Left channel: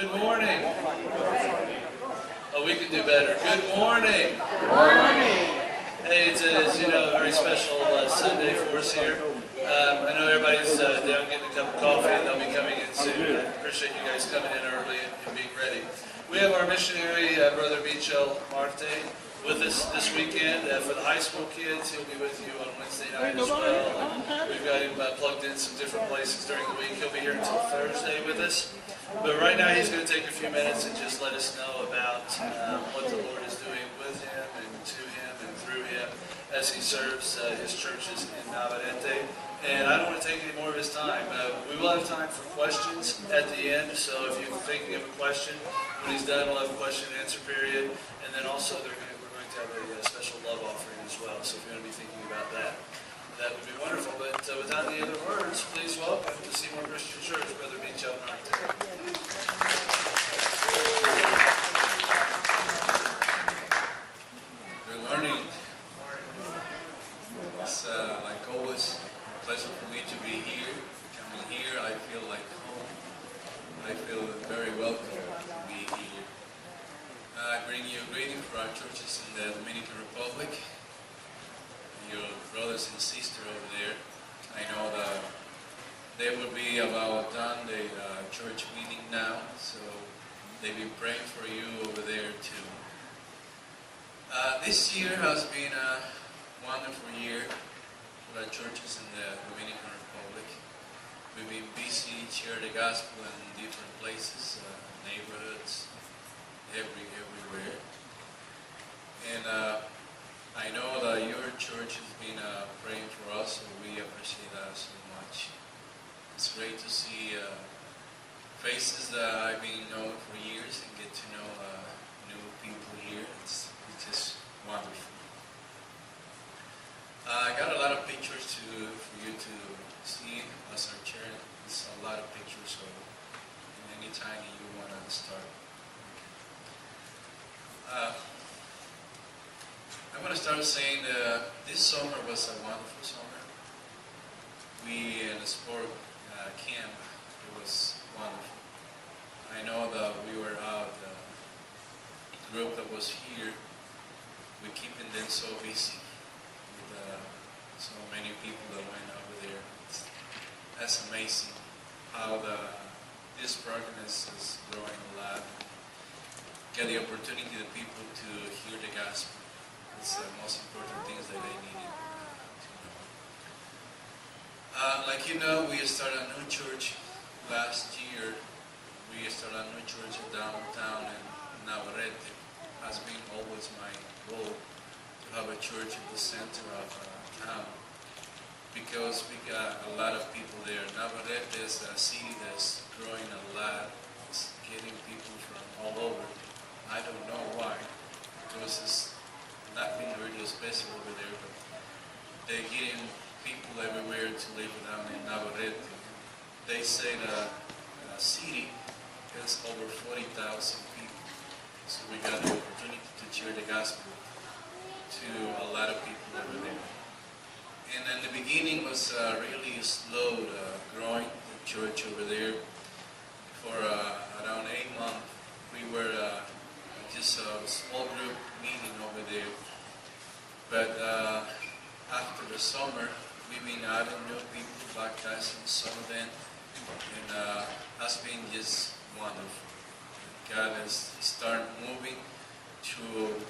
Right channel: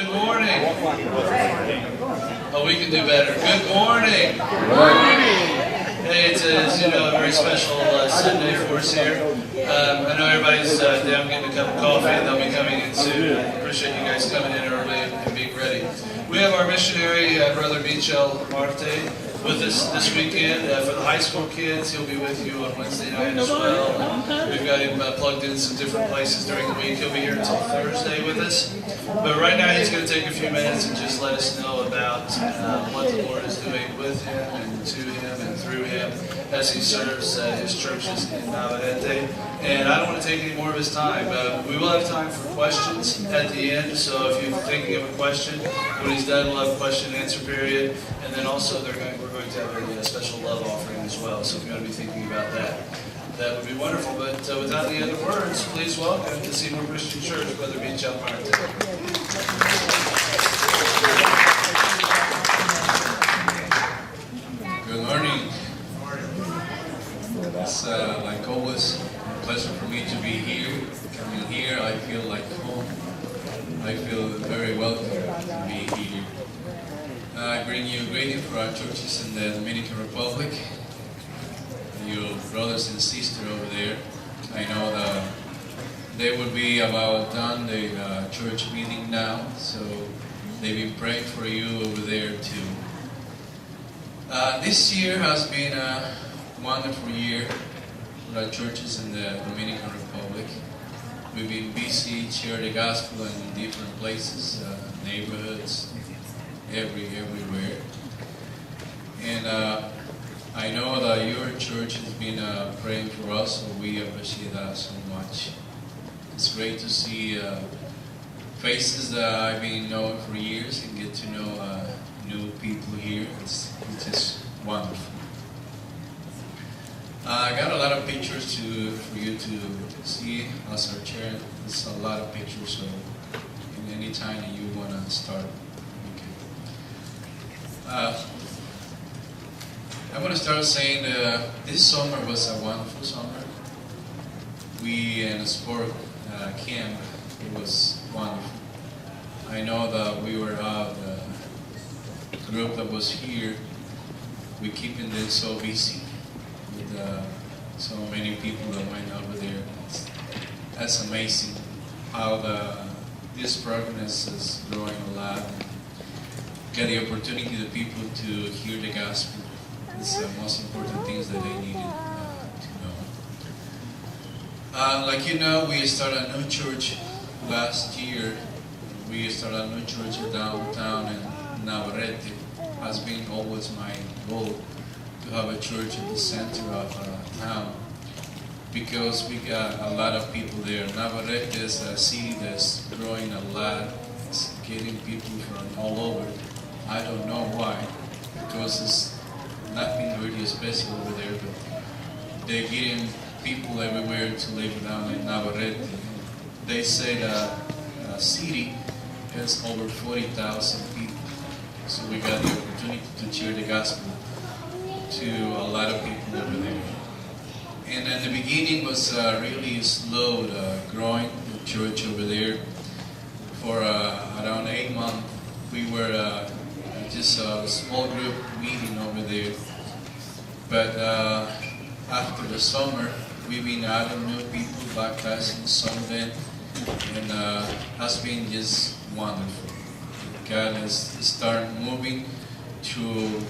Good morning. Oh, we can do better. Good morning. Good morning. Hey, it's a very special Sunday for us here. I know everybody's down getting a cup of coffee, and they'll be coming in soon. I appreciate you guys coming in early and being ready. We have our missionary, Brother Michell Marte, with us this weekend. For the high school kids, he'll be with you on Wednesday night as well. We've got him plugged in some different places during the week. He'll be here until Thursday with us. But right now he's going to take a few minutes and just let us know about what the Lord is doing with him and to him and through him as he serves his churches in Navarrete. And I don't want to take any more of his time. We will have time for questions at the end, so if you're thinking of a question, when he's done, we'll have a question and answer period. And then also we're going to have a special love offering as well, so if you want to be thinking about that, that would be wonderful. But without any other words, please welcome to Seymour Christian Church, Brother Michell Marte. Good morning. It's like always a pleasure for me to be here. Coming here, I feel like home. I feel very welcome to be here. I bring you a greeting for our churches in the Dominican Republic. Your brothers and sisters over there. I know that they will be about done the church meeting now, so they've been praying for you over there too. This year has been a wonderful year for our churches in the Dominican Republic. We've been busy sharing the gospel in different places, neighborhoods, everywhere. And I know that your church has been praying for us, so we appreciate that so much. It's great to see faces that I've been knowing for years and get to know new people here. It's just wonderful. I got a lot of pictures for you to see as our chair. It's a lot of pictures, so any time that you want to start, okay. I want to start saying this summer was a wonderful summer. We in a sport camp, it was wonderful. I know that we were out, the group that was here, we keeping them so busy with so many people that went over there. That's amazing how this program is growing a lot. Get the opportunity the people to hear the gospel. It's the most important things that they needed to know. Like you know, we started a new church last year. We started a new church downtown in Navarrete. Has been always my goal to have a church in the center of town, because we got a lot of people there. Navarrete is a city that's growing a lot. It's getting people from all over. I don't know why, because it's nothing really special over there, but they're getting people everywhere to live down in Navarrete. They say that the city has over 40,000 people. So we got the opportunity to share the gospel to a lot of people over there. And in the beginning was really slow growing the church over there. For around 8 months, we were just a small group meeting over there. But after the summer, we've been adding new people, baptizing some of them, and has been just wonderful. God has started moving to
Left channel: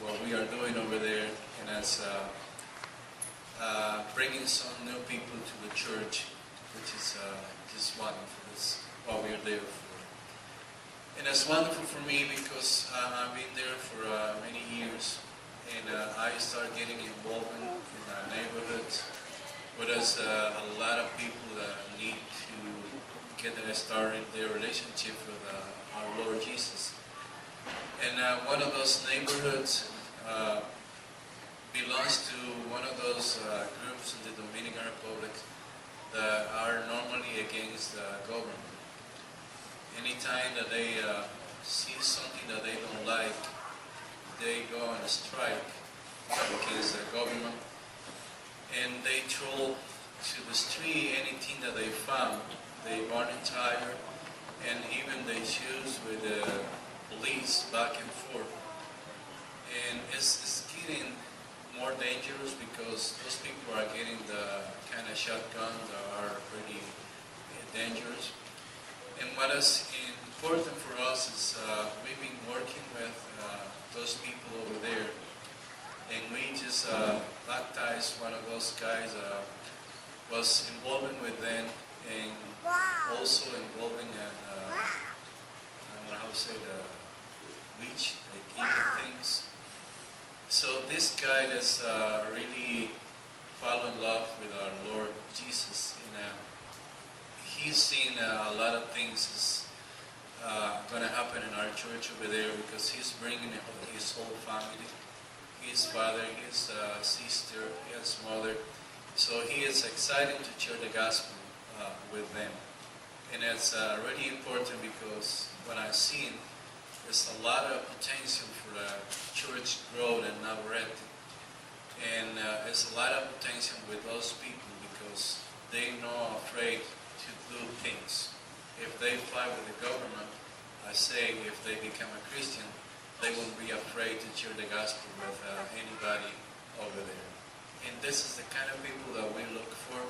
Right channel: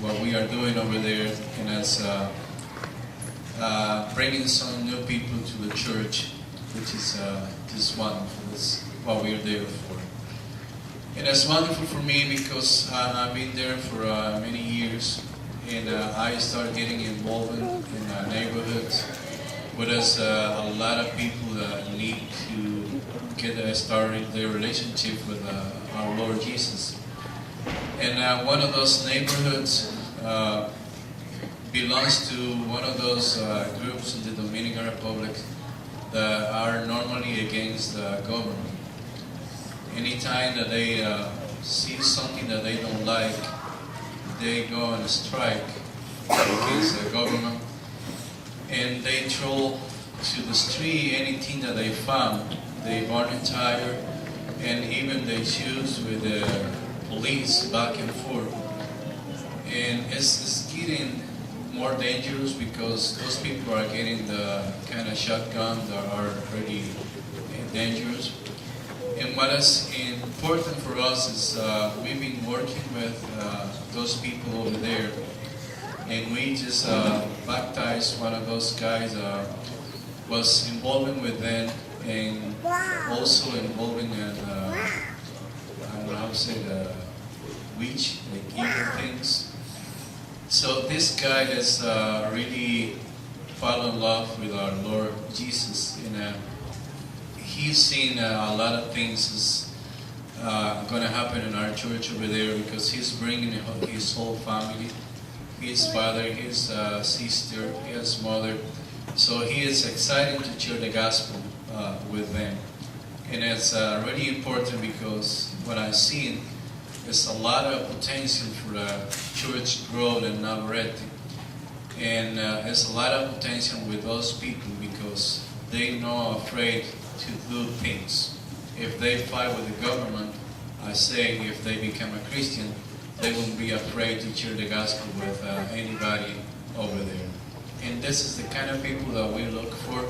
what we are doing over there, and has bringing some new people to the church, which is just wonderful. That's what we are there for. And it's wonderful for me because I've been there for many years, and I started getting involved in neighborhoods where there's a lot of people that need to get started their relationship with our Lord Jesus. And one of those neighborhoods belongs to one of those groups in the Dominican Republic that are normally against the government. Anytime that they see something that they don't like, they go on a strike against the government, and they throw to the street anything that they found. They burn entire, and even the issues with the police back and forth. And it's getting more dangerous because those people are getting the kind of shotgun that are pretty dangerous. And what is important for us is we've been working with those people over there, and we just baptized one of those guys, was involving with them, and also involving in, I don't know how to say, the witch, like evil things. So this guy has really fallen in love with our Lord Jesus, and he's seen a lot of things is going to happen in our church over there because he's bringing his whole family, his father, his sister, his mother. So he is excited to share the gospel with them, and it's really important because what I've seen is a lot of potential for the church growth in Navarrete, and there's a lot of potential with those people because they not afraid to do things. If they fight with the government, I say if they become a Christian, they won't be afraid to share the gospel with anybody over there. And this is the kind of people that we look for,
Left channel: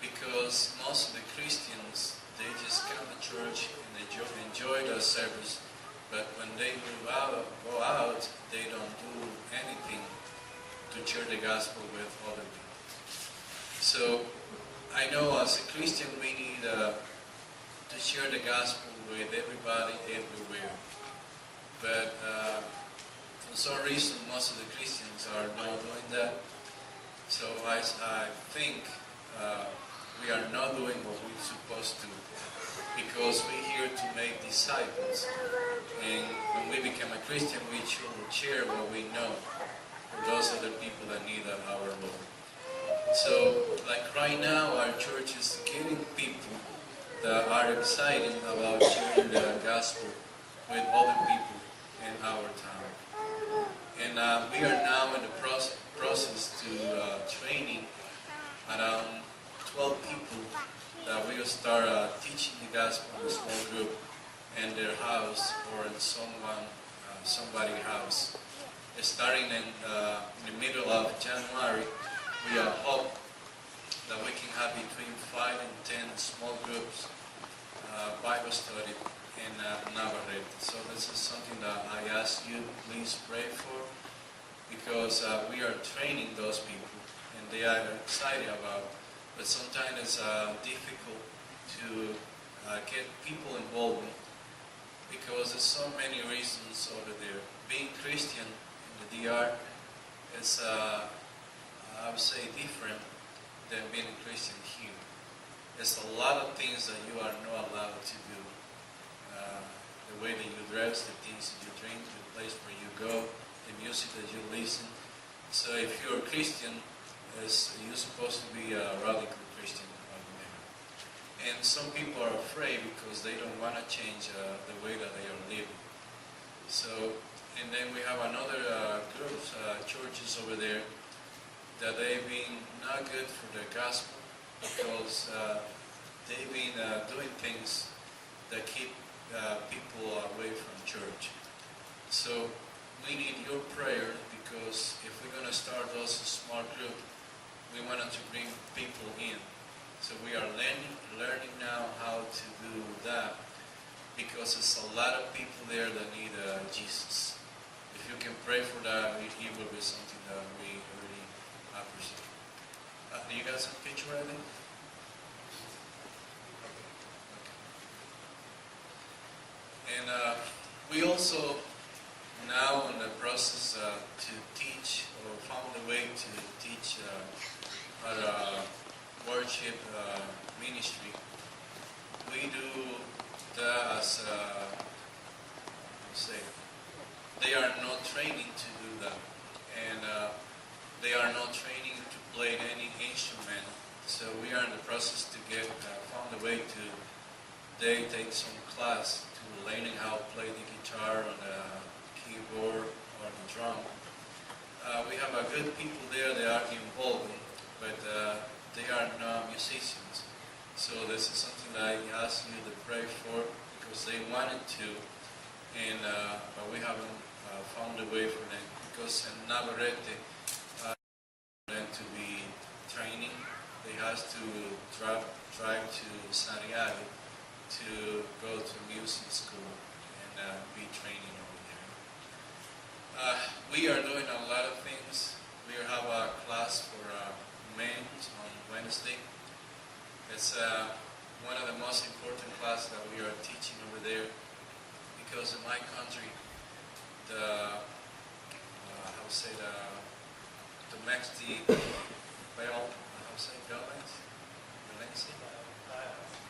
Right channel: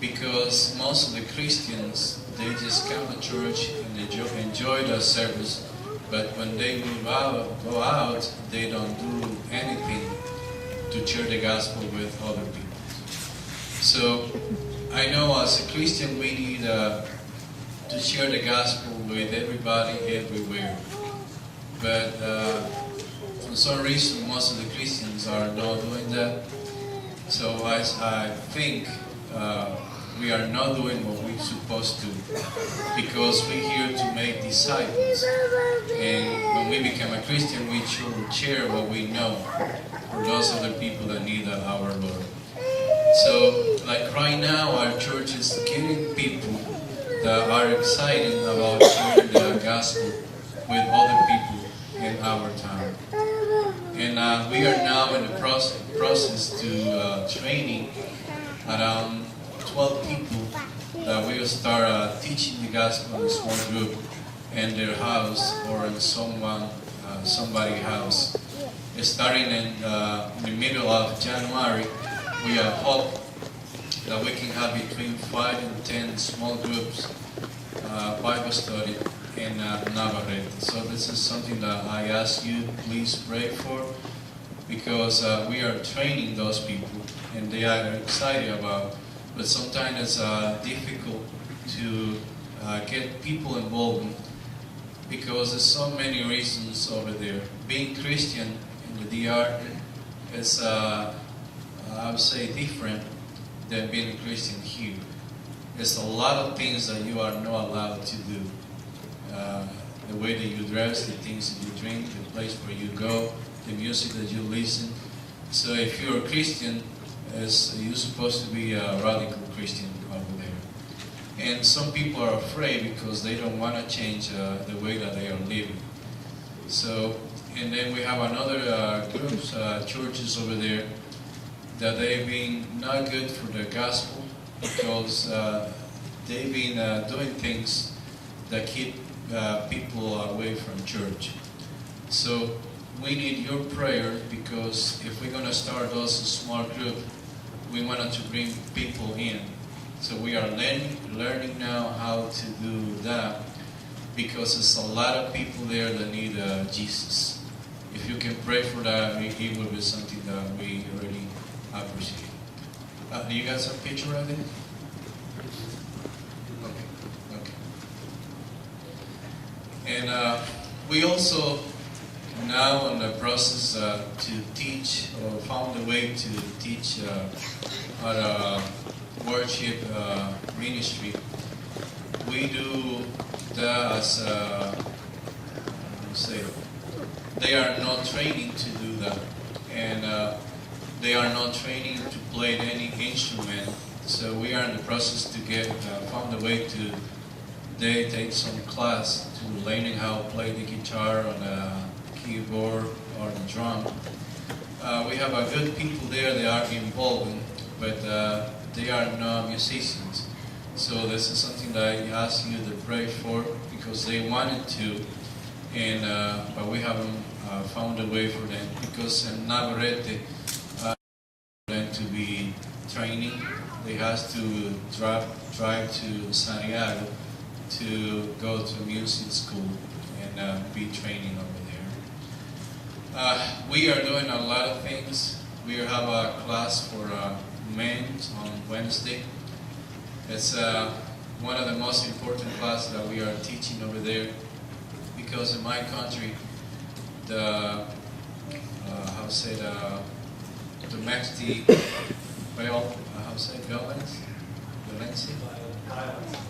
because most of the Christians, they just come to church and enjoy the service, but when they go out, they don't do anything to share the gospel with other people. So I know as a Christian we need to share the gospel with everybody, everywhere. But for some reason, most of the Christians are not doing that. So I think we are not doing what we're supposed to, because we're here to make disciples. And when we become a Christian, we should share what we know for those other people that need our Lord. So, like right now, our church is getting people that are excited about sharing the gospel with other people in our town. And we are now in the process to training around 12 people that will start teaching the gospel in a small group in their house or in somebody's house. Starting in the middle of January, we hope that we can have between 5 and 10 small groups Bible study in Navarrete. So this is something that I ask you, please pray for, because we are training those people and they are excited about. But sometimes it's difficult to get people involved because there's so many reasons over there. Being Christian in the DR is, I would say, different than being a Christian here. There's a lot of things that you are not allowed to do. The way that you dress, the things that you drink, the place where you go, the music that you listen. So if you're a Christian, you're supposed to be a radical Christian over there. And some people are afraid because they don't want to change the way that they are living. So, and then we have another groups, churches over there, that they've been not good for the gospel because they've been doing things that keep people away from church. So we need your prayers, because if we're going to start those small groups, we wanted to bring people in. So we are learning now how to do that, because there's a lot of people there that need Jesus. If you can pray for that, it will be something that we really appreciate. Do you guys have a picture of it? Okay. And we also now in the process to teach, or found a way to teach our worship ministry. We do that as they are not training to do that, and they are not training to play any instrument. So we are in the process to get found a way to they take some class to learning how to play the guitar on the keyboard or the drum. We have a good people there. They are involved, but they are not musicians. So this is something something that I asked you to pray for because they wanted to, and but we haven't found a way for them because in Navarrete, for them to be training, they have to drive to Santiago to go to music school and be training over there. We are doing a lot of things. We have a class for men on Wednesday. It's one of the most important classes that we are teaching over there because in my country, the domestic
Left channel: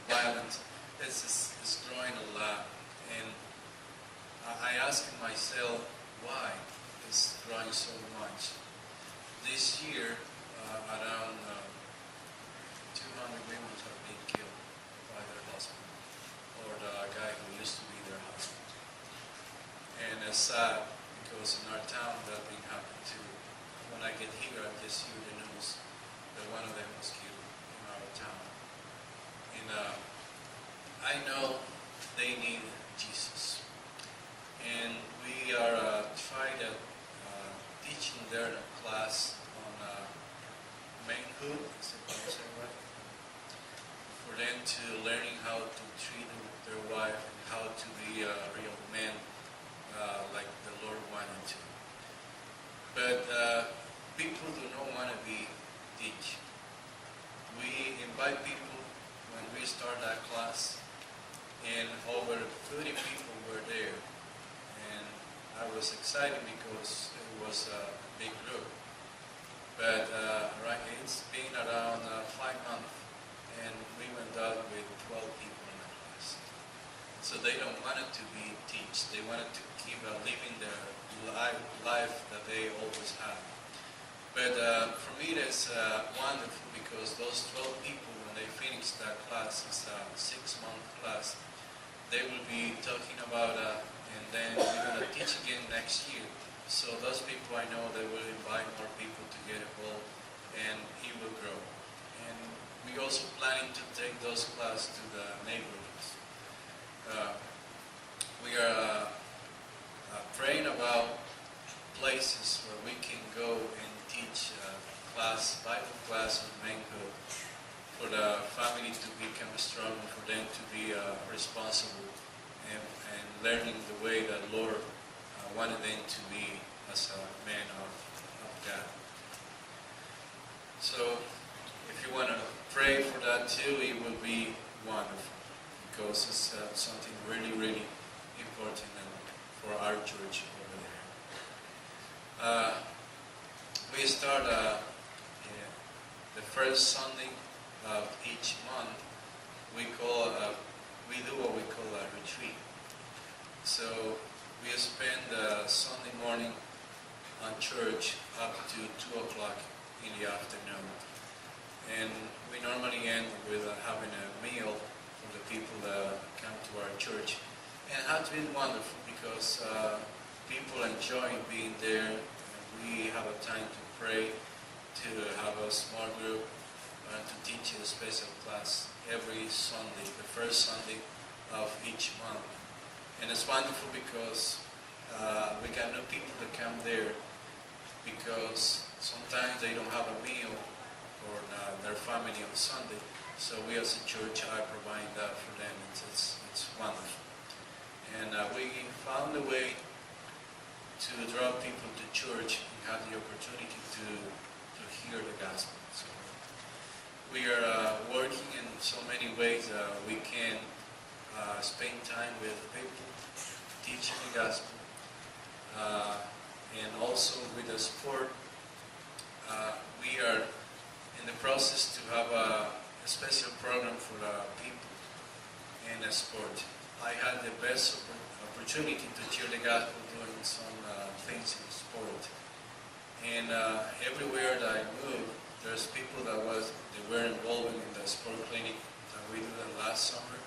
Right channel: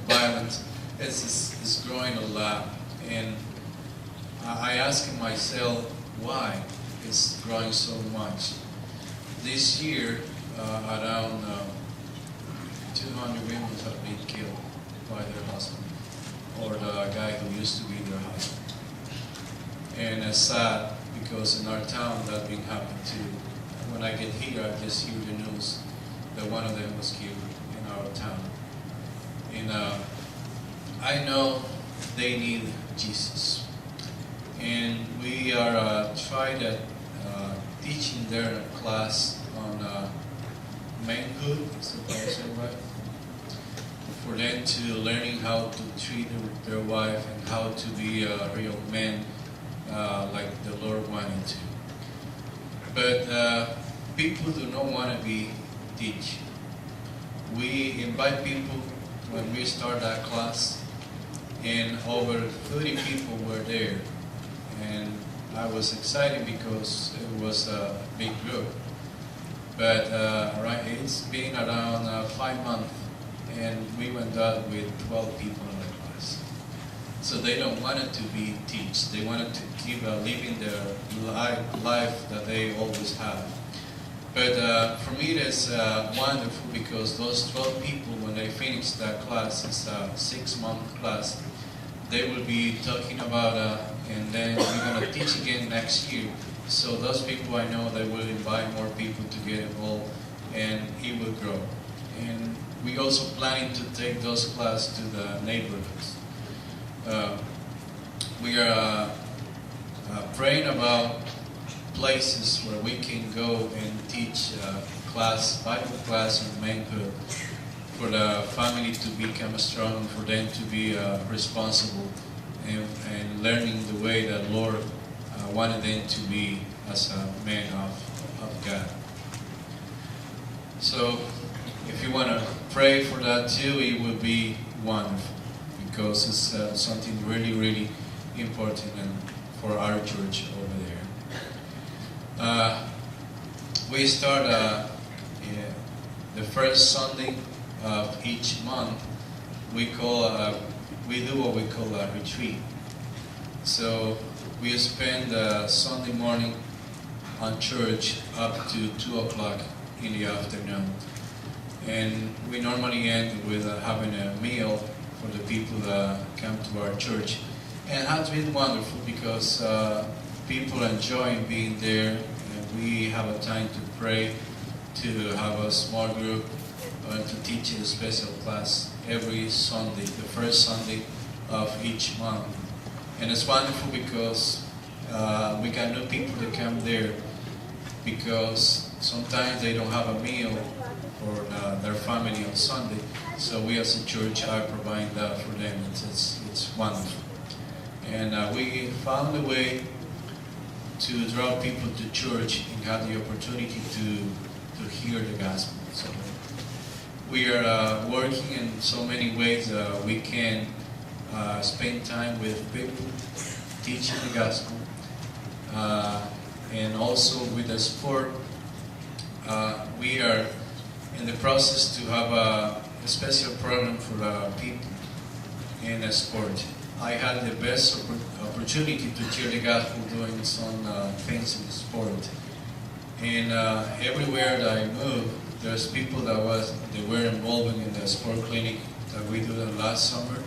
violence is growing a lot, and I ask myself why it's growing so much. This year, around 200 women have been killed by their husband or the guy who used to be their husband. And it's sad because in our town that's been happening too. When I get here, I just hear the news that one of them was killed in our town. And I know they need Jesus. And we are teaching their class on manhood, is that what I say right? For them to learning how to treat their wife and how to be a real man like the Lord wanted to. But people do not want to be teach. We invite people when we start that class, and over 30 people were there. And I was excited because it was a big group. But it's been around 5 months, and we went out with 12 people in the class. So they don't want it to be teach. They wanted to keep living their life that they always have. But for me, it's wonderful because those 12 people, when they finish that class, it's a 6-month class, they will be talking about, and then we're going to teach again next year. So those people I know, they will invite more people to get involved, and it will grow. And we also planning to take those classes to the neighborhoods. We are praying about places where we can go and teach Bible class on manhood, for the family to become strong, for them to be responsible, and learning the way that Lord wanted them to be as a man of God. So if you want to pray for that too, it will be wonderful, because it's something really, really important for our church over there. We start the first Sunday of each month. We do what we call a retreat. So we spend Sunday morning on church up to 2 o'clock in the afternoon. And we normally end with having a meal for the people that come to our church. And it has been wonderful because people enjoy being there. And we have a time to pray, to have a small group, and to teach a special class every Sunday, the first Sunday of each month. And it's wonderful because we got new people that come there, because sometimes they don't have a meal for their family on Sunday. So we as a church are providing that for them. It's wonderful. And we found a way to draw people to church and have the opportunity to hear the gospel. So we are working in so many ways. We can spend time with people, teaching the gospel, and also with the sport. We are in the process to have a special program for people in the sport. I had the best opportunity to share the gospel doing some things in the sport. And everywhere that I move, there's people that were involved in the sport clinic that we did last summer.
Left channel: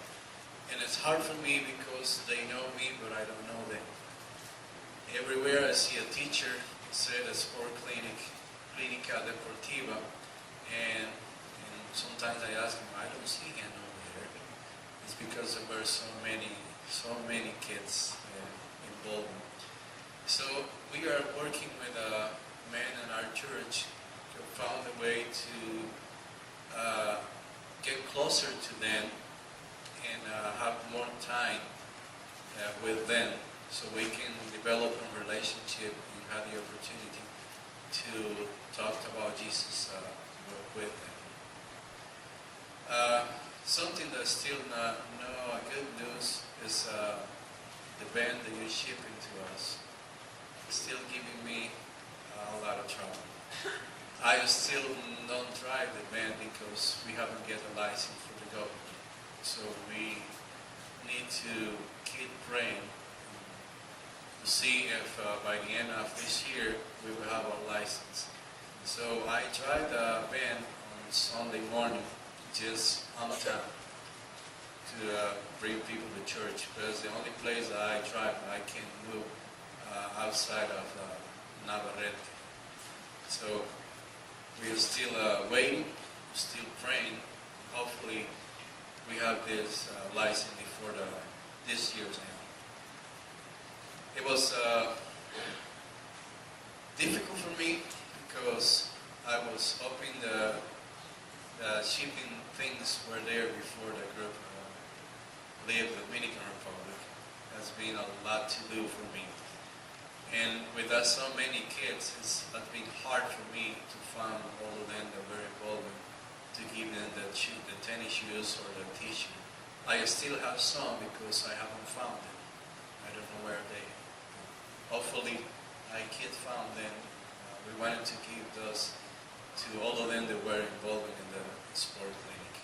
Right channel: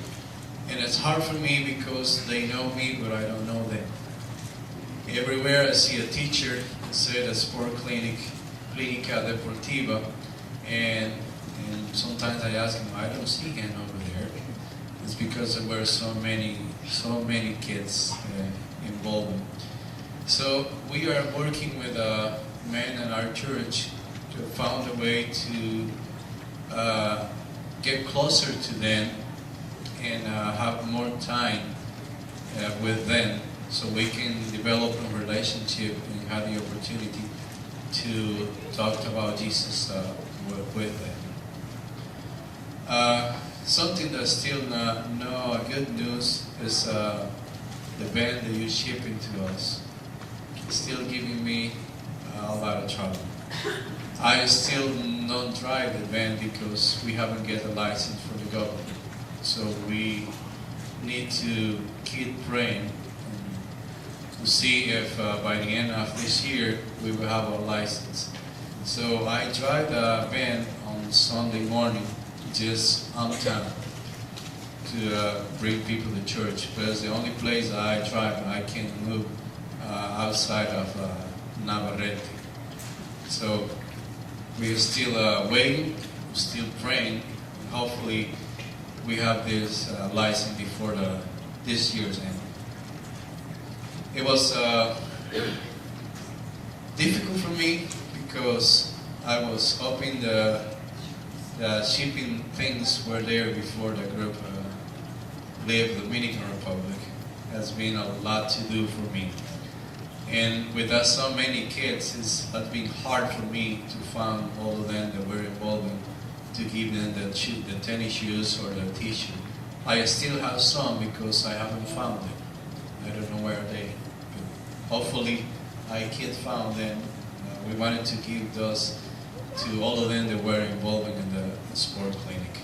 And it's hard for me because they know me, but I don't know them. Everywhere I see a teacher say the sport clinic, Clínica Deportiva, and sometimes I ask him, I don't see him over there. It's because there were so many kids involved. So we are working with men in our church to find a way to get closer to them and have more time with them, so we can develop a relationship and have the opportunity to talk about Jesus with them. Something that's still no good news is the band that you're shipping to us. It's still giving me a lot of trouble. I still don't drive the van because we haven't get a license for the government. So we need to keep praying to see if by the end of this year we will have our license. So I drive the van on Sunday morning just on town to bring people to church, but it's the only place that I drive and I can move outside of Navarrete. So we are still waiting, still praying, and hopefully we have this license before this year's end. It was difficult for me because I was hoping the shipping things were there before the group left the Dominican Republic. It has been a lot to do for me. And with that so many kids, it's been hard for me to find all of them that were involved to give them the tennis shoes or the t-shirt. I still have some because I haven't found them. I don't know where they are. Hopefully I can find them. We wanted to give those to all of them that were involved in the sport clinic.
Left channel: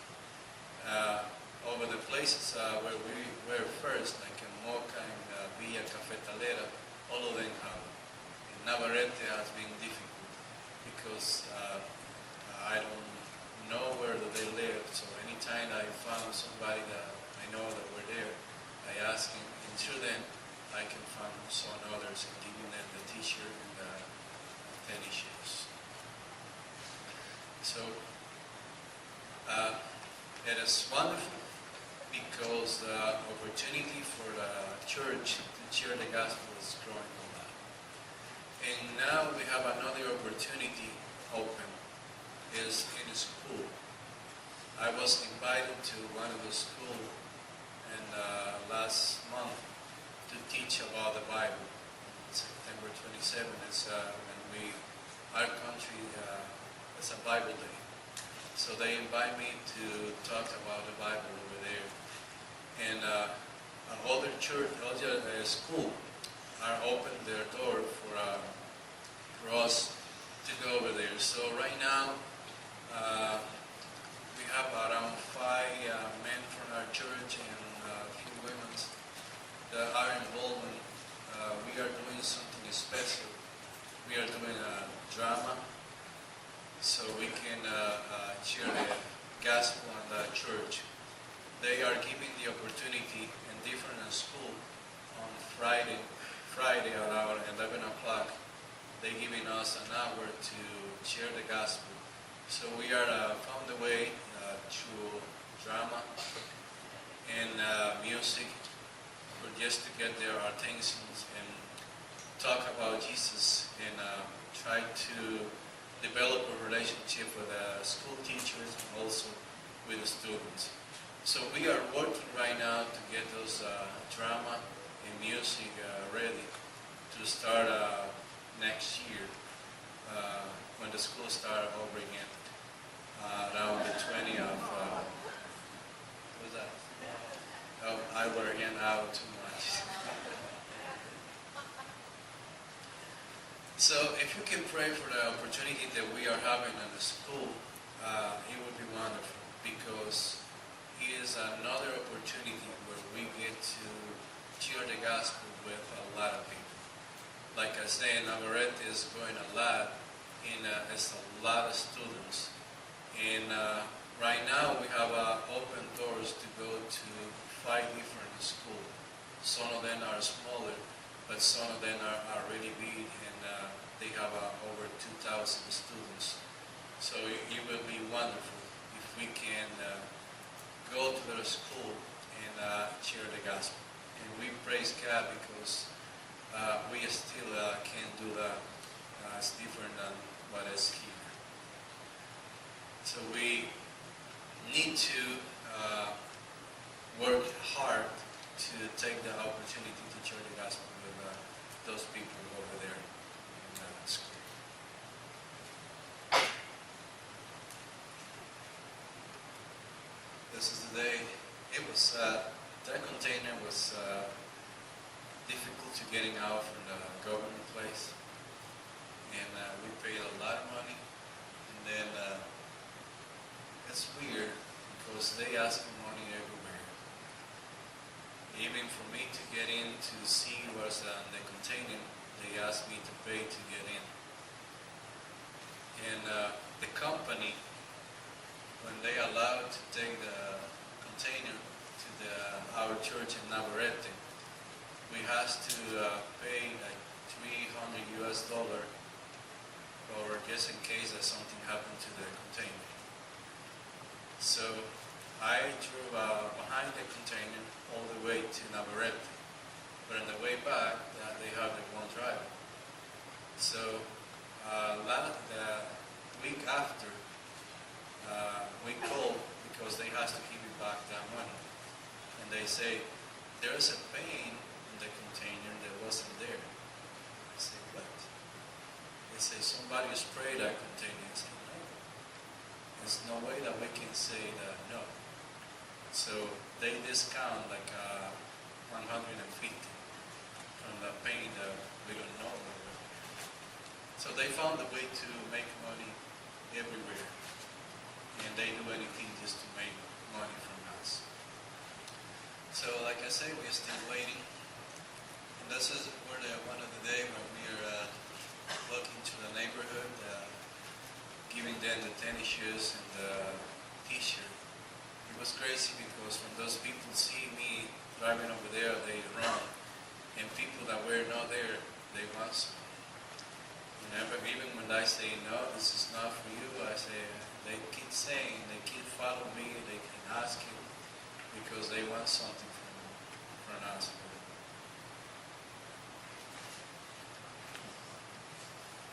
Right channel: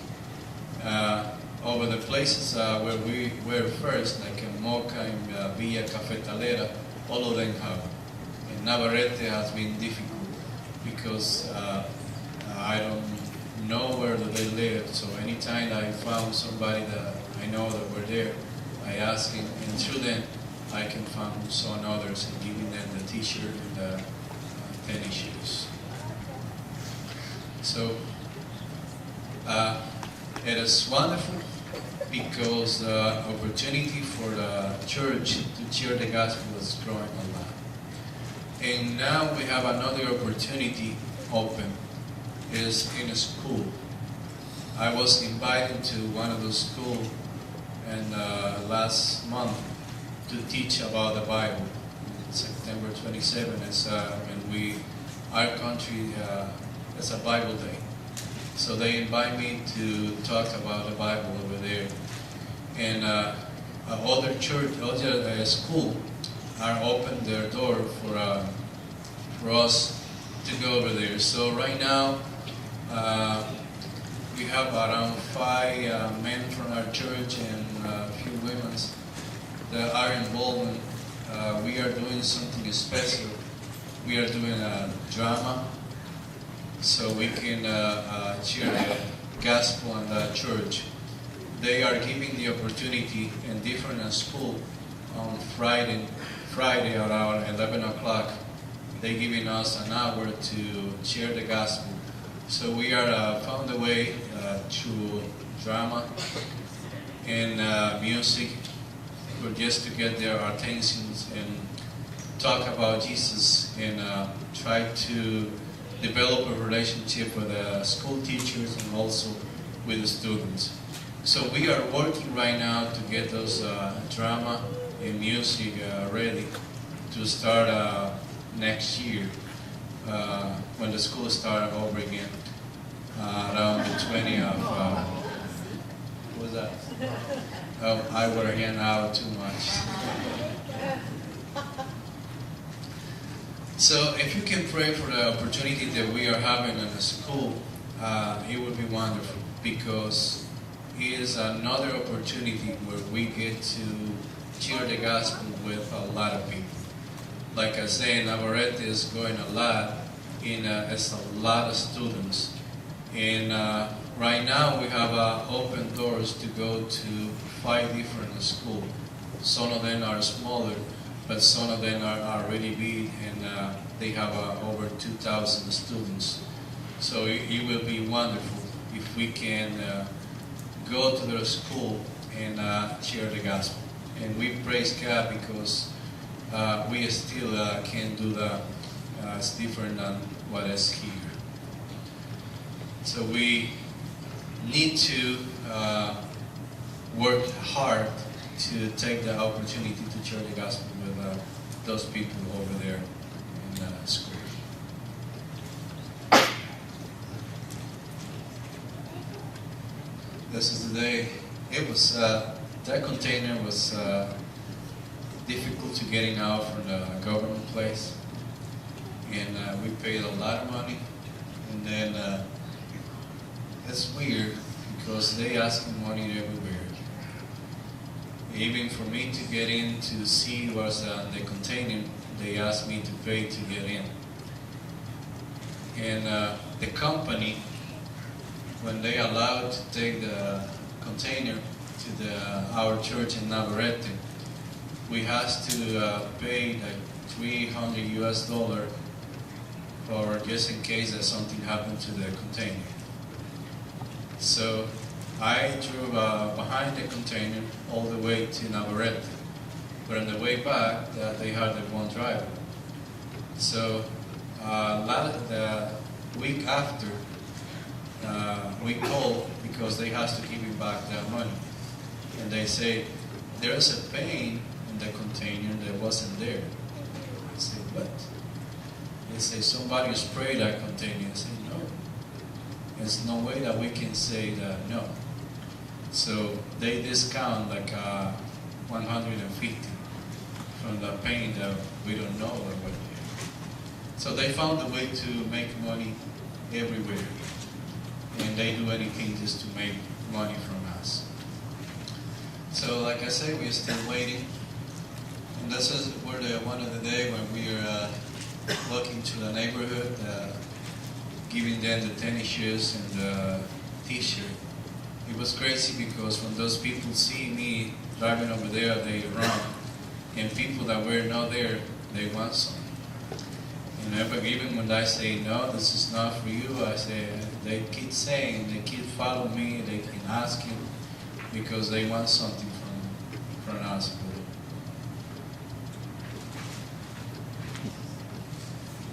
Over the places where we were first, like in Moca and Villa Cafetalera, all of them have. In Navarrete has been difficult because I don't know where they live. So anytime I found somebody that I know that were there, I ask him, and through them I can find some others and giving them the t-shirt and the tennis shoes. So it is wonderful because the opportunity for the church to share the gospel is growing a lot. And now we have another opportunity open, is in a school. I was invited to one of the schools and last month to teach about the Bible. September 27th is when our country is a Bible day. So they invite me to talk about the Bible over there. And other school are open their door for us to go over there. So right now we have around 5 men from our church and a few women that are involved in. We are doing something special. We are doing a drama so we can share the gospel in the church. They are giving the opportunity in different schools on Friday around 11 o'clock. They're giving us an hour to share the gospel. So we are found a way through drama and music for just to get their attentions and talk about Jesus and try to develop a relationship with the school teachers and also with the students. So we are working right now to get those drama and music ready to start next year when the school starts over again around the 20th of what was that? Oh, I work again out too much. So if you can pray for the opportunity that we are having in the school, it would be wonderful because it is another opportunity where we get to share the gospel with a lot of people. Like I say, Navarrete is going a lot, it's a lot of students. And right now we have open doors to go to 5 different schools. Some of them are smaller, but some of them are really big, and they have over 2,000 students. So it will be wonderful if we can go to their school and share the gospel. And we praise God because we still can do that. It's different than what is here. So we need to work hard to take the opportunity to share the gospel with those people over there in school. This is the day. It was that container was difficult to getting out from the government place, and we paid a lot of money. And then it's weird because they asking money everywhere. Even for me to get in to see what's in the container, they asked me to pay to get in. And the company, when they allowed to take the container to our church in Navarrete, we had to pay like $300 for just in case that something happened to the container. So I drove behind the container all the way to Navarrete, but on the way back, they had one driver. So the week after, we called because they have to give me back that money, and they say there is a paint in the container that wasn't there. I said, what? They say somebody sprayed that container. I said, no. There's no way that we can say that no. So they discount like 150 from the paint that we don't know about. So they found a way to make money everywhere, and they do anything just to make money from us. So like I say, we're still waiting, and this is one of the day when we are walking to the neighborhood, giving them the tennis shoes and the t-shirt. It was crazy because when those people see me driving over there, they run. And people that were not there, they want something. But even when I say, no, this is not for you, I say, they keep saying, they keep following me, they keep asking, because they want something from us.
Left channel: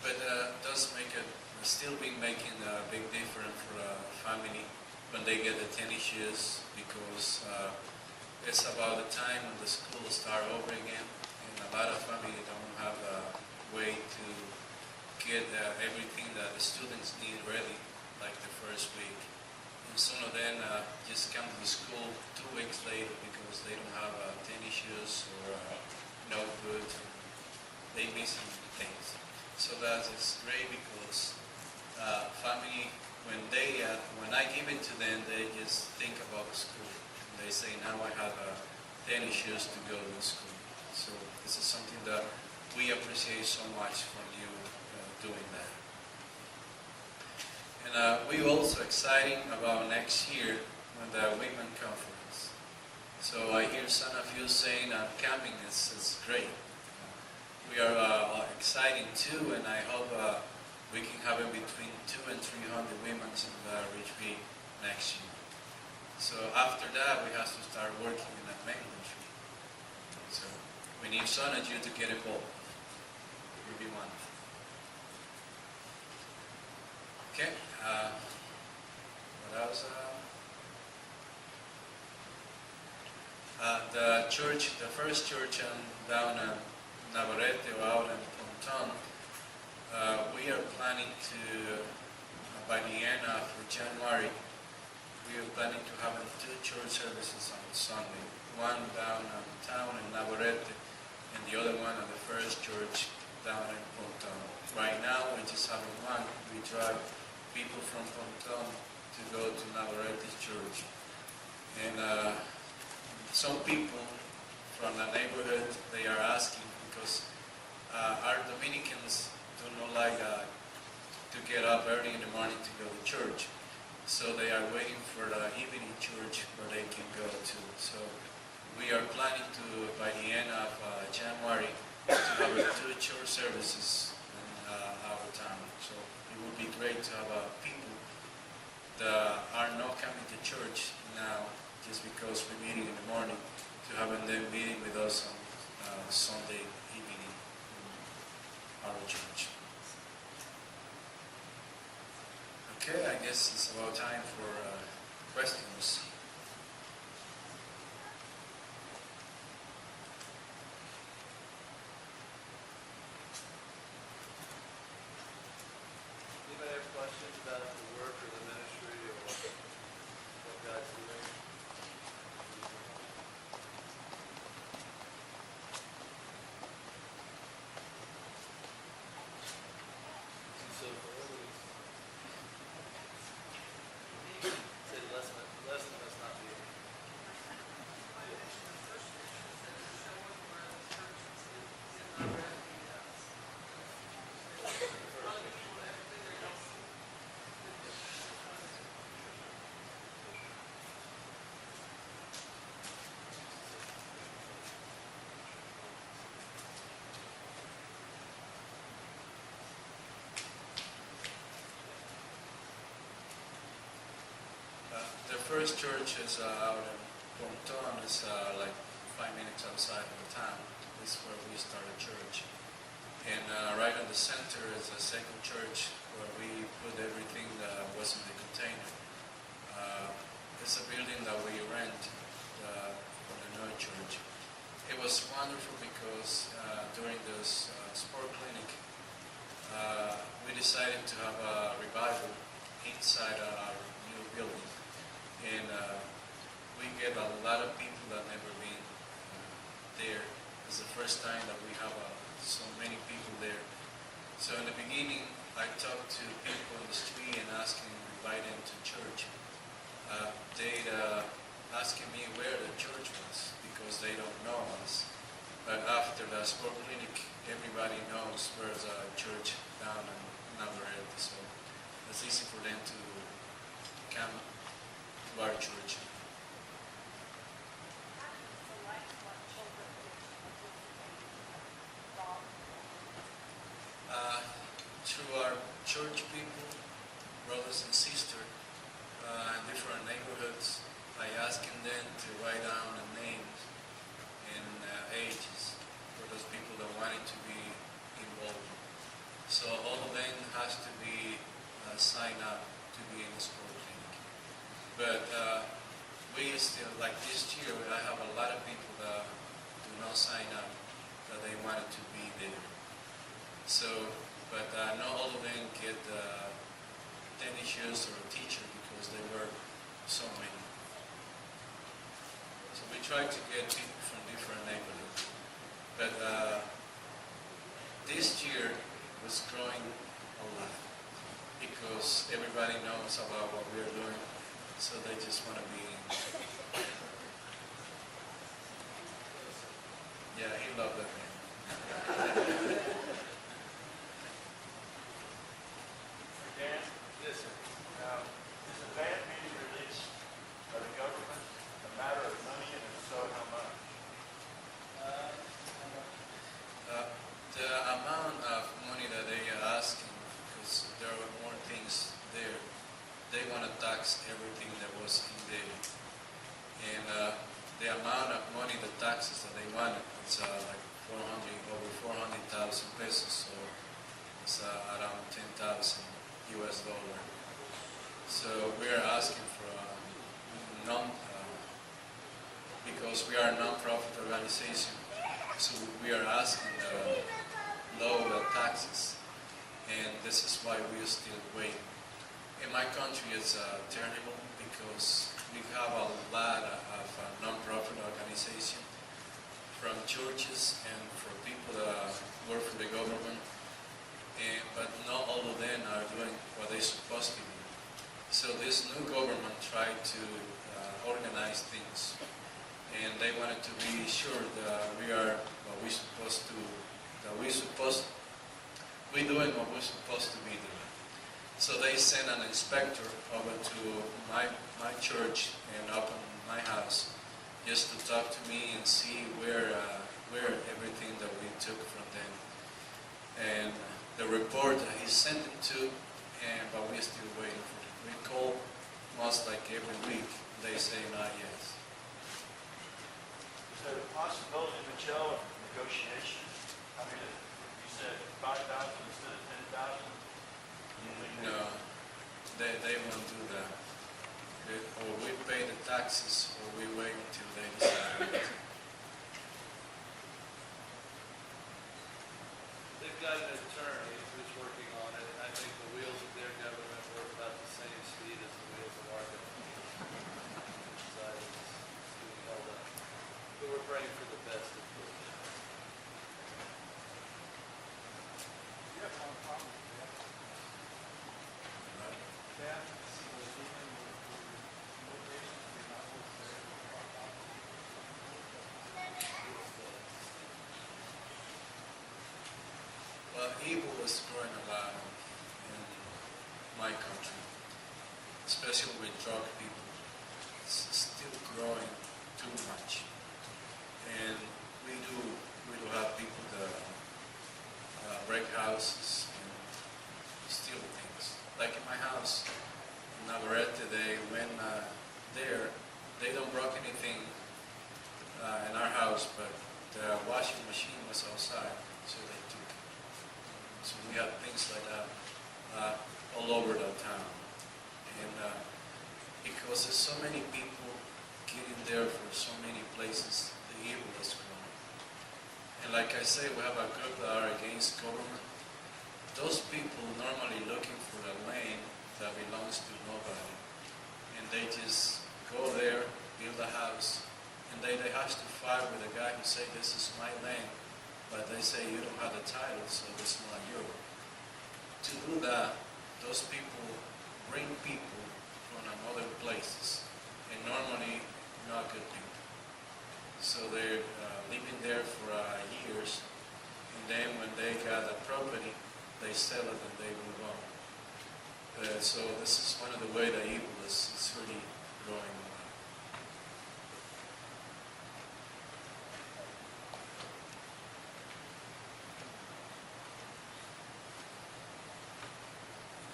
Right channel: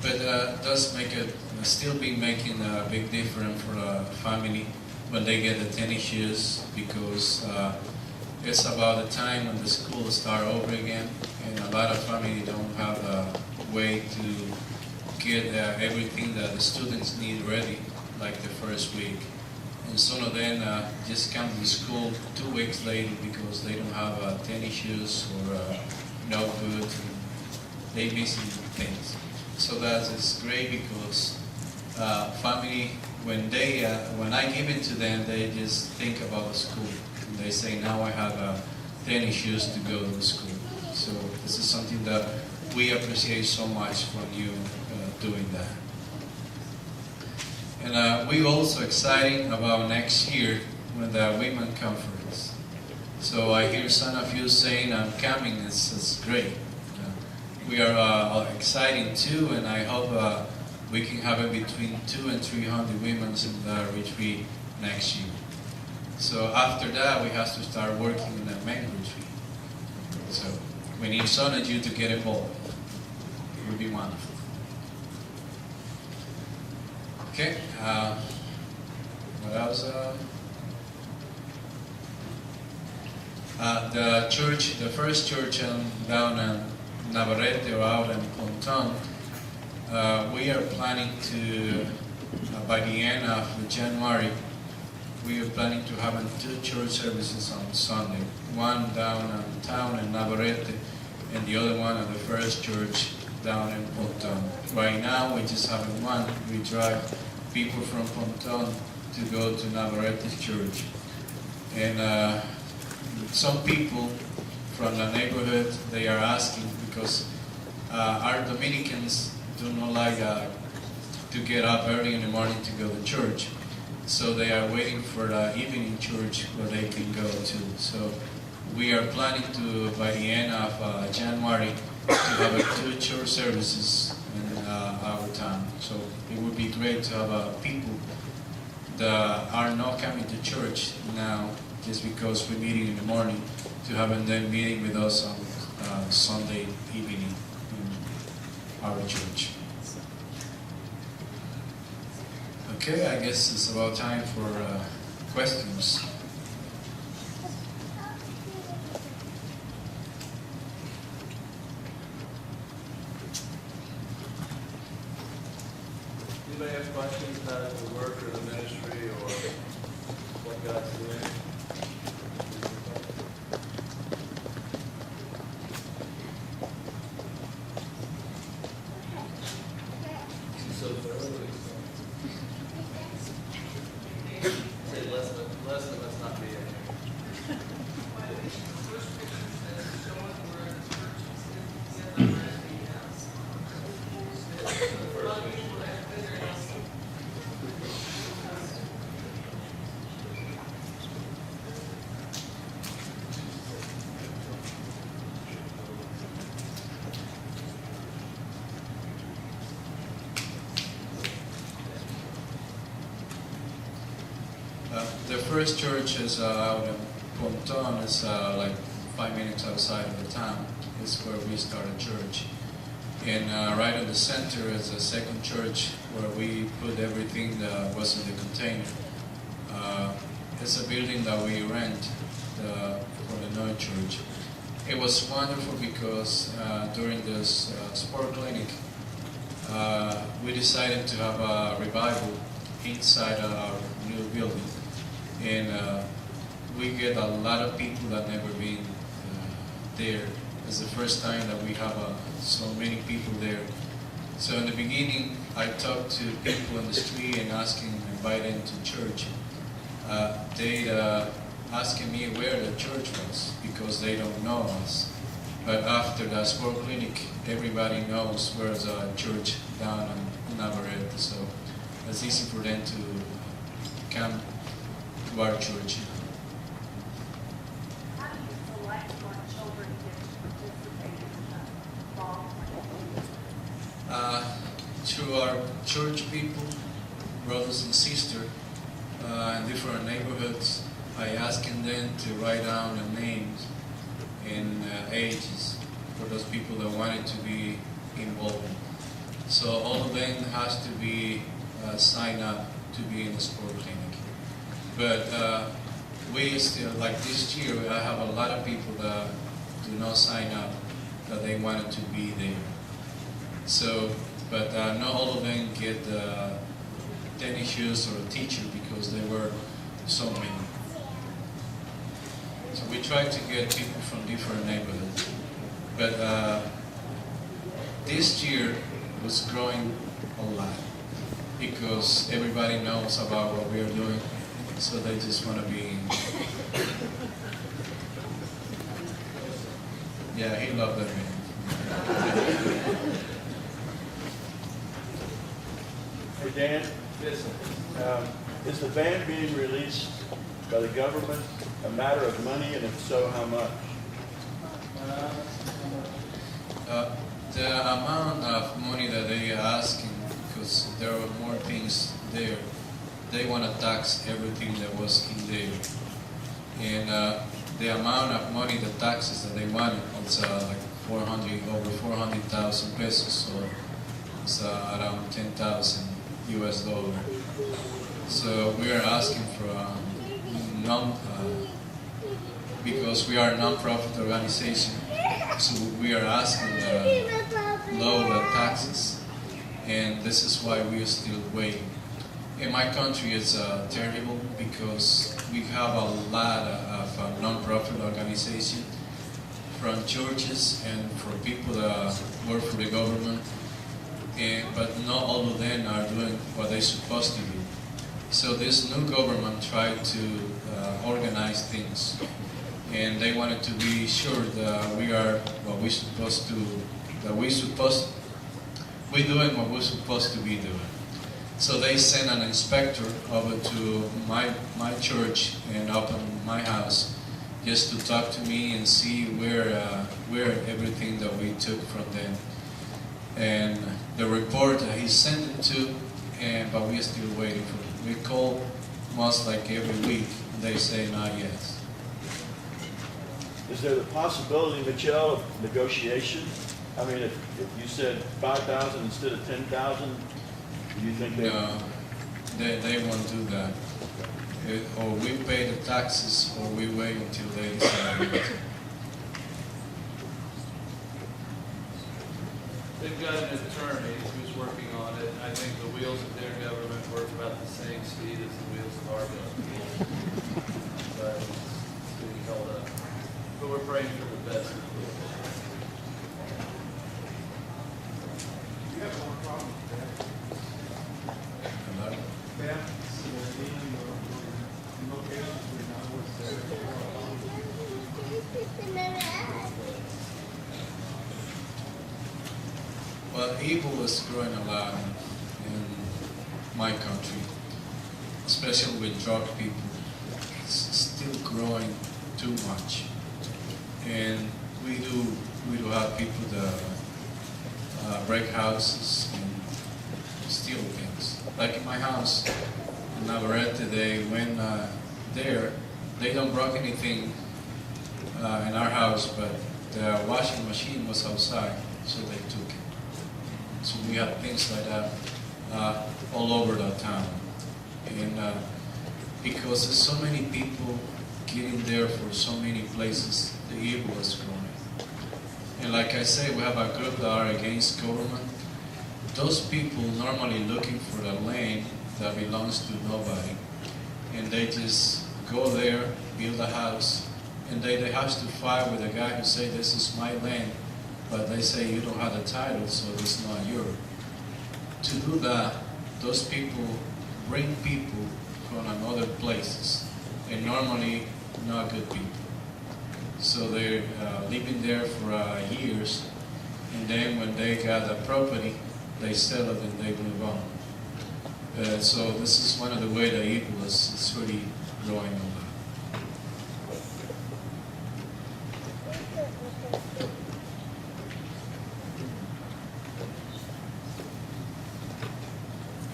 But does make it, still be making a big difference for the family when they get the tennis shoes, because it's about the time when the school start over again, and a lot of family don't have a way to get everything that the students need ready, like the first week. And some of them just come to school 2 weeks later because they don't have tennis shoes or notebooks, and they missing things. So that is great because family, when I give it to them, they just think about the school. And they say, now I have tennis shoes to go to school. So this is something that we appreciate so much from you doing that. And we're also excited about next year when the women conference. So I hear some of you saying, I'm coming, it's great. We are excited too, and I hope we can have it between 200 and 300 women in the retreat next year. So after that, we have to start working in the main retreat. So we need some of you to get involved. It would be wonderful. Okay, what else? The church, the first church down in Navarrete or out in Ponton, we are planning to, by the end of January, we are planning to have 2 church services on Sunday. One downtown in Navarrete, and the other one at the first church down in Ponton. Right now, we're just having one. We drive people from Ponton to go to Navarrete church. And some people from the neighborhood, they are asking, because our Dominicans do not like to get up early in the morning to go to church. So they are waiting for the evening church where they can go to. So we are planning to, by the end of January, to have 2 church services in our town. So it would be great to have people that are not coming to church now just because we're meeting in the morning, to having them meeting with us on Sunday evening in our church. Okay, I guess it's about time for questions. Anybody have questions about the work or the ministry or what God's doing? So say less than us not be here. The first church is out in Ponton. It's like 5 minutes outside of the town. It's where we started church. And right in the center is a second church where we put everything that was in the container. It's a building that we rent for the Noy Church. It was wonderful because during this sport clinic, we decided to have a revival inside our new building. And we get a lot of people that never been there. It's the first time that we have so many people there. So in the beginning, I talked to people in the street and invite them to church. They asking me where the church was because they don't know us. But after the sport clinic, everybody knows where's a church down in Navarrete. So it's easy for them to come to our church. How do you select what children can participate in the Through our church people, brothers and sisters, in different neighborhoods, I asking them to write down the names and ages for those people that wanted to be involved. So all of them has to be signed up to be in the sport clinic. But we still, like this year, I have a lot of people that do not sign up, that they wanted to be there. So, but not all of them get tennis shoes or a teacher because there were so many. So we try to get people from different neighborhoods. But this year was growing a lot because everybody knows about what we're doing. So they just want to be in. Yeah, he loved that man. Hey Dan, Yes, sir. is the band being released by the government a matter of money, and if so, how much? The amount of money that they are asking, because there are more things there, they want to tax everything that was in there. And the amount of money, the taxes that they wanted, it's like over 400,000 pesos, so it's around 10,000 US dollar. So we are asking for because we are a non-profit organization, so we are asking lower taxes, and this is why we are still waiting. In my country, it's terrible because we have a lot of non-profit organizations from churches and for people that work for the government, but not all of them are doing what they're supposed to do. So this new government tried to organize things, and they wanted to be sure that we are what we're supposed to, we're doing what we're supposed to be doing. So they sent an inspector over to my church and open my house just to talk to me and see where everything that we took from them. And the report he sent it to, but we're still waiting for it. We call most like every week. They say not yet. Is there the possibility, Michelle, of negotiation? I mean, if you said 5,000 instead of 10,000, do you think that? No, they won't do that. Or we pay the taxes, or we wait until they decide. They've got an attorney who's working on it. I think the wheels of their government work about the same speed as the wheels of our government. But it's being held up. But we're praying for the best. You have one problem with that. Yeah. So even the locations we're not always there. Well, evil is growing a lot in my country, especially with drug people. It's still growing too much, and we do have people that break houses and steal things. Like in my house in Navarrete, they went there. They don't break anything in our house, but the washing machine was outside, so they took it. So we have things like that all over the town. And because there's so many people getting there for so many places, the evil is growing. And like I say, we have a group that are against government. Those people normally looking for the land that belongs to nobody. And they just go there, build a house, and they have to fight with the guy who say, this is my land. But they say you don't have the title, so it's not yours. To do that, those people bring people from other places, and normally not good people. So they're living there for years, and then when they got the property, they sell it and they move on. So this is one of the ways the evil is really growing a lot.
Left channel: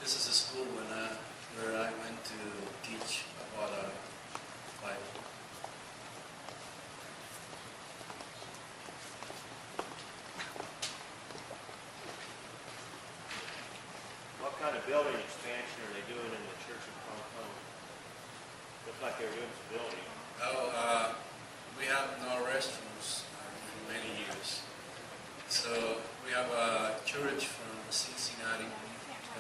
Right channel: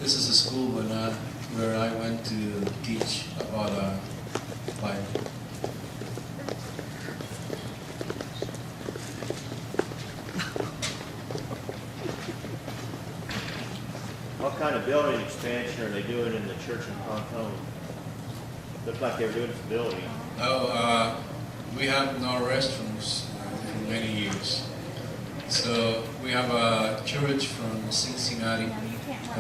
This is a school where I went to teach about Bible. What kind of building expansion are they doing in the church in Pontone? Looked like they were doing some building. Oh, we have no restrooms for many years. So we have a church from Cincinnati.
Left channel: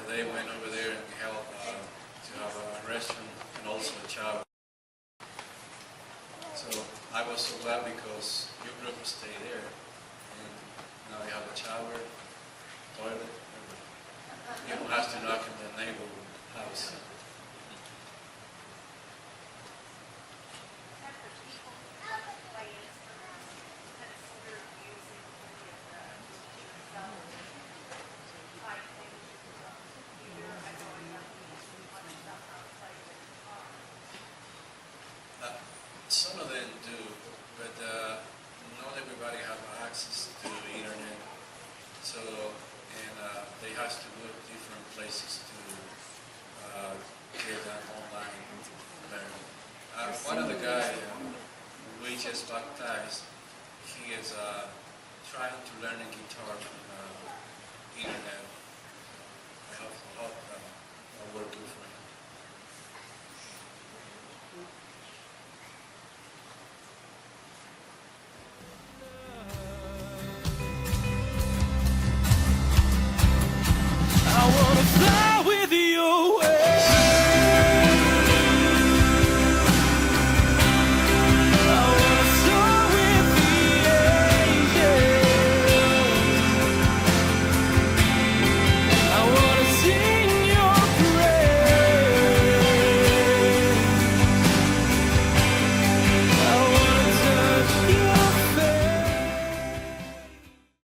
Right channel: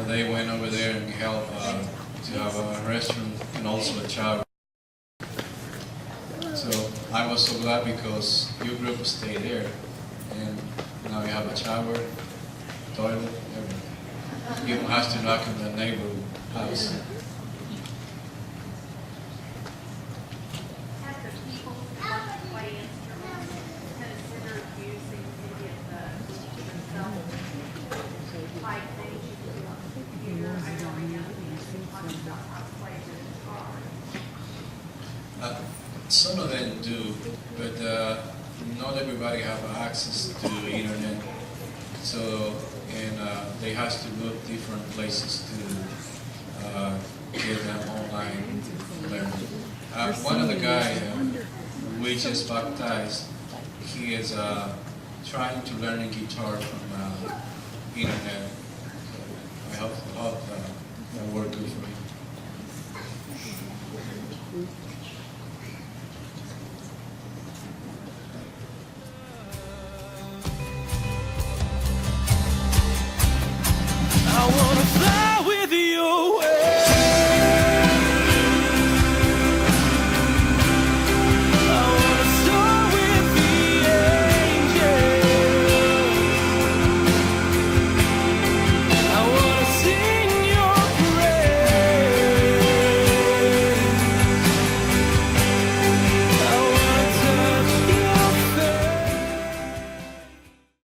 They went over there and helped to have a restroom and also a shower. So I was so glad because your group stayed there, and now you have a shower, toilet, everything. You don't have to knock on the neighbor's house. Have the people who want to play instruments considered using any of the themselves type things you do on the computer? I know I have people talking about how to play the guitar. Some of them do, but not everybody have access to the internet. So, and they have to go to different places to get them online learning. One of the guys we just baptized, he is trying to learn a guitar from internet. So I hope that work good for him.